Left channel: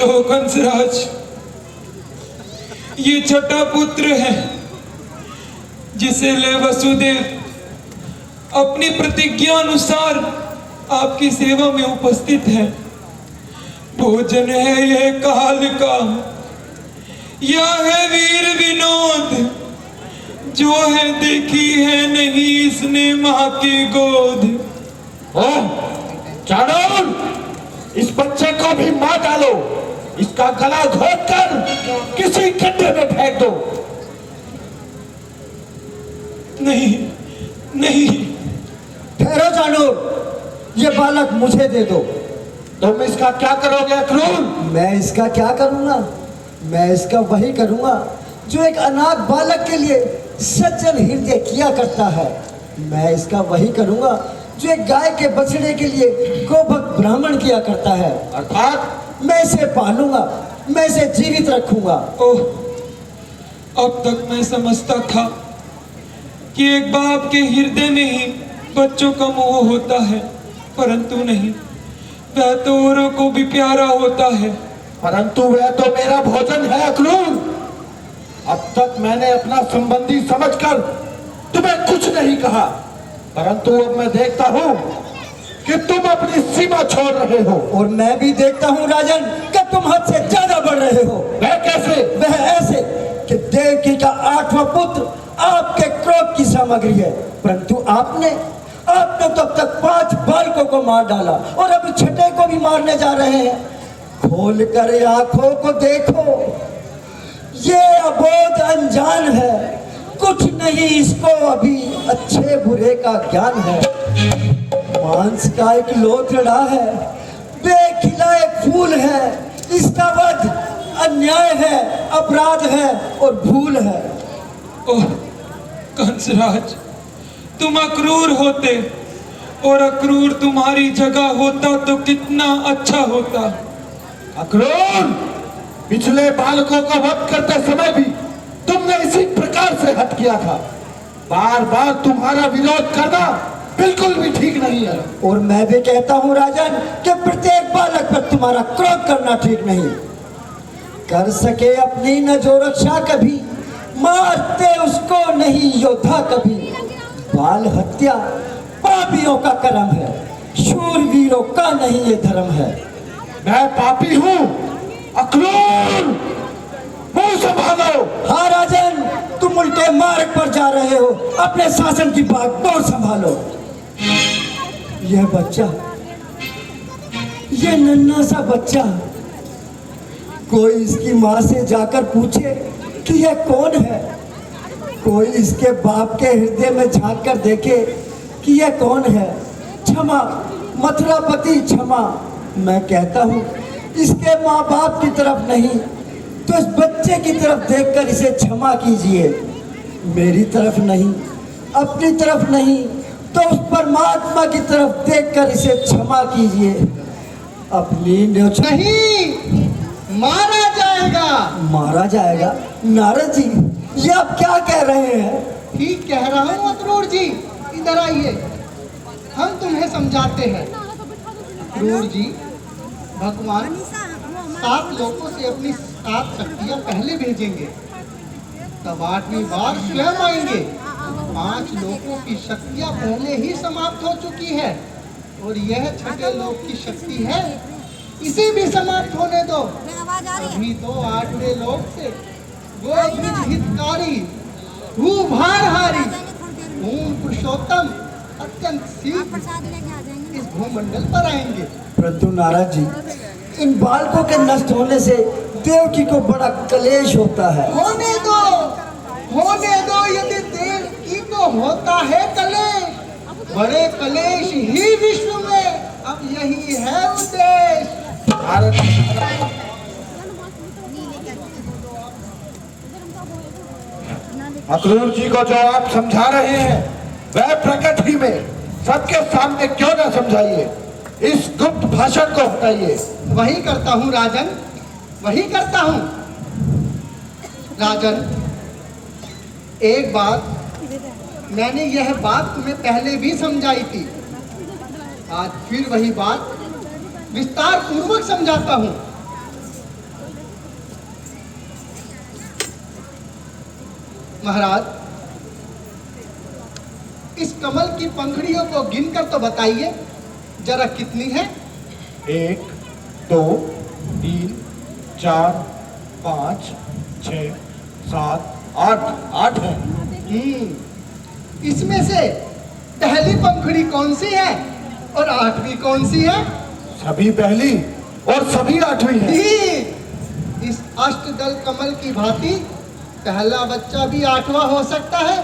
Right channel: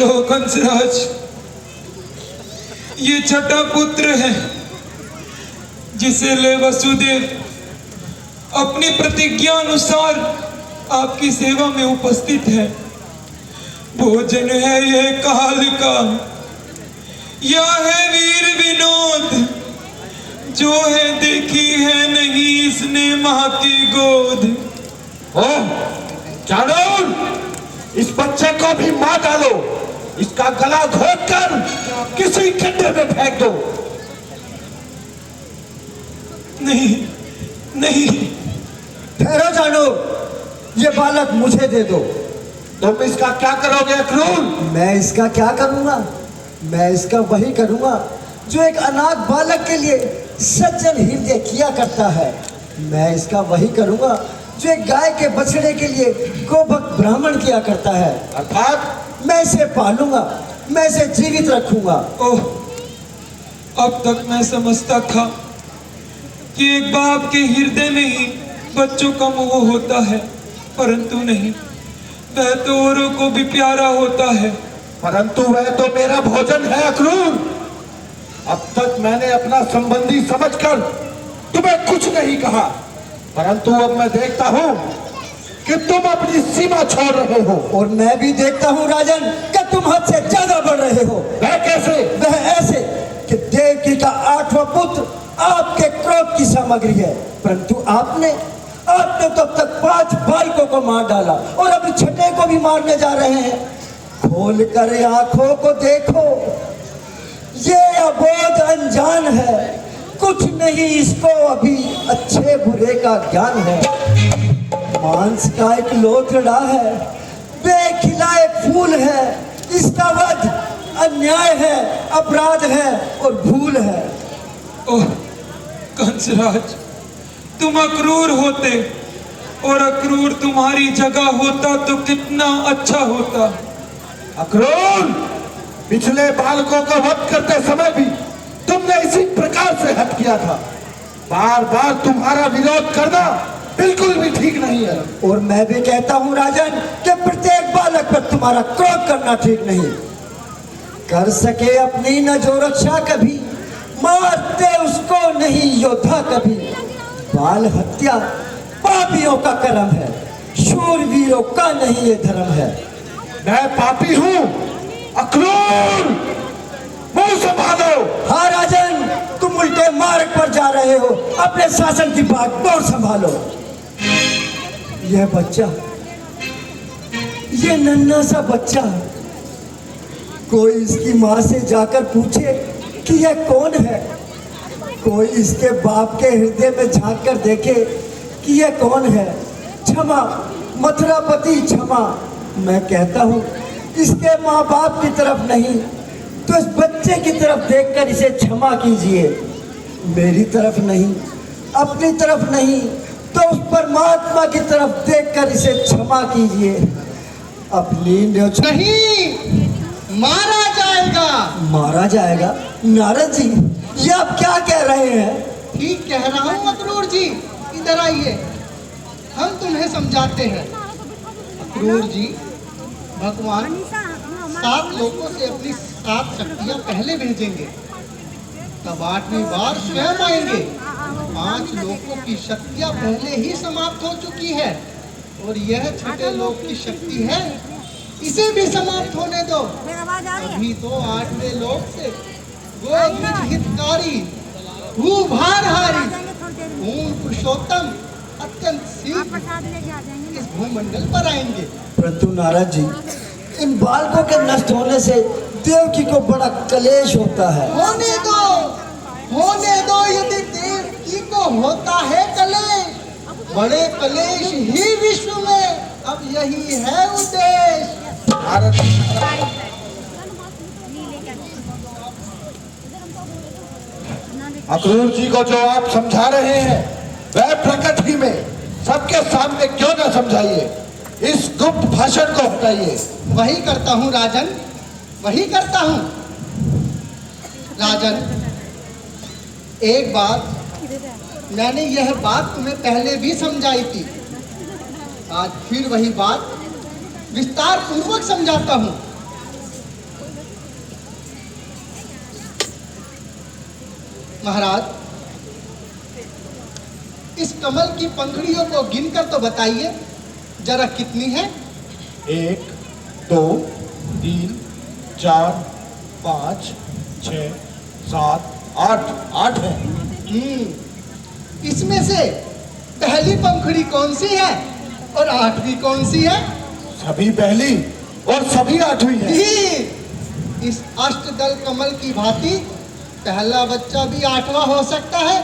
लो कंसराज, ये छठा पुत्र है जिसे ले वसुदेव अपनी प्रतिज्ञा अनुसार आपकी सेवा में उपस्थित है। भोजन है ये काल का, यह है वीर विनोद, जो है देखी है नहीं इसने मां की गोद। चाणूर, इस बच्चे को भी मार डालो, इसका गला घोट कर किसी खड्डे में फेंक दो। नहीं नहीं। ठहरो चाणूर, ये बालक मुझे दे दो। तुम इसका क्या करोगे अक्रूर? मैं इसका क्या करूंगा? मैं इसका वही करूंगा जो एक अनाथ बालक के लिए सज्जन हृदय किया करता है। मैं इसका वही करूंगा जो एक गाय के बछड़े के लिए गोभक्त ब्राह्मण किया करता है। अर्थात मैं इसे पालूंगा, मैं इसे जीवित रखूंगा। ओह, अब तक मैं समझता था कि एक बाप के हृदय में ही बच्चों का मोह होता है, परंतु नहीं, वह तो औरों को भी प्यारा होता है। परंतु वह तो मेरा भोजन है अक्रूर। अब तक मैंने अपना संबंधी समझकर तुम्हें कुछ नहीं कहा, परंतु अब मैं देखता हूँ कि तुम अपनी सीमा छोड़ रहे हो। और मैं भी देखता हूँ राजन कि तुम हद से ज्यादा बढ़ रहे हो। वह कैसे? वह ऐसे कि देवकी का 8वां पुत्र आपके क्रोध की सामग्री है, परंतु आपने तो अब तक 5 बालकों को मार डाला और अभी छठे को भी मारने जा रहे हैं। खोल कर आंखों को देखो, ये अबोध अनजान है, कुछ नहीं इसको अभी अच्छे बुरे का ज्ञान है। मांस का एक लोथड़ा है, बेखिला एक फूल है, इसका वध अन्याय है, अपराध है और भूल है। ओह कंसराज, तुम अक्रूर होते और अक्रूर तुम्हारी जगह होता तो कितना अच्छा होता। अक्रूर, पिछले बालकों का वध करते समय भी तुमने इसी प्रकार से हद किया था। बार बार तुम्हारा विरोध करना बिल्कुल भी ठीक नहीं है। और मैं भी कहता हूँ राजन कि प्रत्येक बालक पर तुम्हारा क्रोध करना ठीक नहीं। कर सके अपनी न जो रक्षा कभी, मारते उसको नहीं योद्धा कभी। बाल हत्या पापियों का कर्म है, शूरवीरों का नहीं ये धर्म है। मैं पापी हूँ अक्रूर, मुंह संभालो। हाँ राजन, तुम उल्टे मार्ग पर जा रहे हो, अपने शासन की बागडोर संभालो। यह बच्चा, ये नन्हा सा बच्चा, कोई इसकी माँ से जाकर पूछे कि यह कौन है। कोई इसके बाप के हृदय में झांक कर देखे कि यह कौन है। क्षमा मथुरापति क्षमा, मैं कहता हूँ इसके माँ बाप की तरफ नहीं तो इस बच्चे की तरफ देखकर इसे क्षमा कीजिए। मेरी तरफ नहीं, अपनी तरफ नहीं तो उस परमात्मा की तरफ देखकर इसे क्षमा कीजिए। अपनी नहीं, मारा जाएगा। मारा जाएगा? नारद जी, ये आप क्या कह रहे हैं? ठीक कह रहा हूँ अक्रूर जी, इधर आइए, हम तुम्हें समझाते हैं। अक्रूर जी, भगवान 7 लोगों से अपनी 7 शक्तियाँ पहले भेजेंगे, तब 8वीं बार स्वयं आएंगे। 5 लोगों की शक्तियाँ पहले ही समाप्त हो चुकी है और यह छठे लोक की शक्ति है, इसे भी समाप्त होने दो। अभी तो 8वें लोक से गोविंद हितकारी, भूभारहारी, ओम पुरुषोत्तम अत्यंत शीघ्र इस भूमंडल पर आएंगे। परंतु नारद जी, इन बालकों के नष्ट होने से देवकी को बड़ा कलेश होता है। होने दो, यदि देवकी को होता है कलेश, बड़े कलेश ही विश्व में, अब यही है उद्देश्य। अक्रूर जी को जो आप समझा रहे हैं वह प्रकट ही में सबके सामने क्यों न समझाइए। इस गुप्त भाषण को हटाइए। वही करता हूँ राजन, वही करता हूँ। राजन, एक बार मैंने यह बात तुम्हें पहले भी समझाई थी, आज फिर वही बात विस्तार पूर्वक समझाता हूँ। महाराज, इस कमल की पंखुड़ियों को गिनकर तो बताइए जरा कितनी है? 1 2 3 4 5 6 7 8 8 है। इसमें से पहली पंखुड़ी कौन सी है और आठवीं कौन सी है? सभी पहली और सभी आठवीं है। इस अष्टदल कमल की भांति पहला बच्चा भी आठवां हो सकता है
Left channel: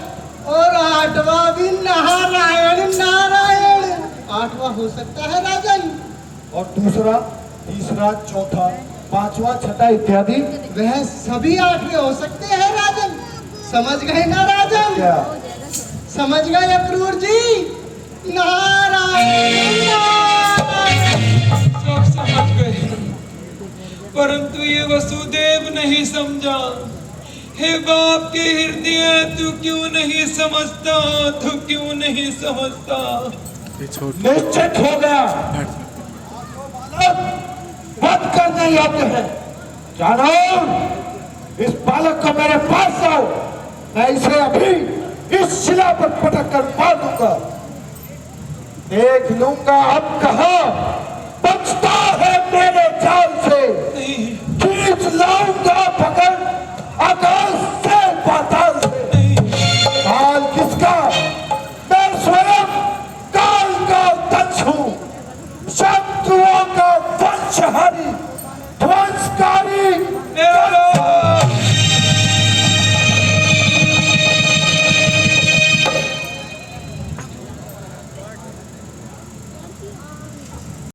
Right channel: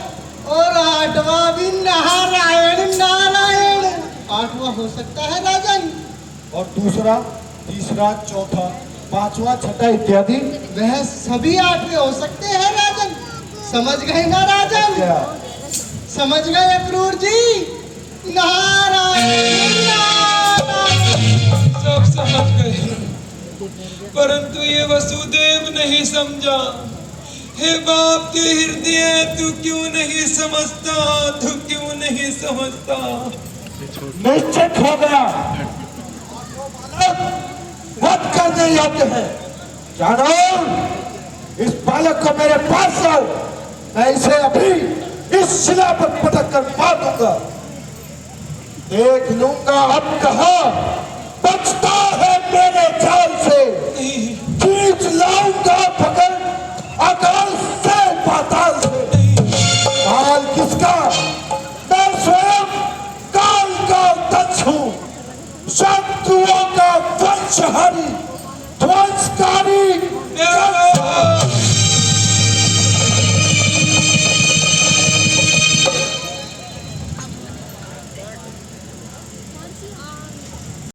और आठवां भी नारायण नारायण आठवां हो सकता है राजन। और दूसरा, तीसरा, चौथा, पांचवा, छठा इत्यादि वह सभी आठवें हो सकते हैं राजन। समझ गए ना राजन? क्या? समझ गए अक्रूर जी? नारायण नारायण। सब समझ गए, परंतु ये वसुदेव नहीं समझा। हे बाप के हृदय, तू क्यों नहीं समझता? तू क्यों नहीं समझता? निश्चित होगा वध करने योग्य है। जानो, इस बालक को मेरे पास लाओ, मैं इसे अभी इस शिला पर पटक कर मार दूंगा। देख लूंगा अब कहाँ बचता है मेरे जाल से। खींच लाऊंगा पकड़ आकाश से पाताल से। काल किसका? मैं स्वयं काल का दक्ष हूं, शत्रुओं का वंशहारी ध्वंसकारी।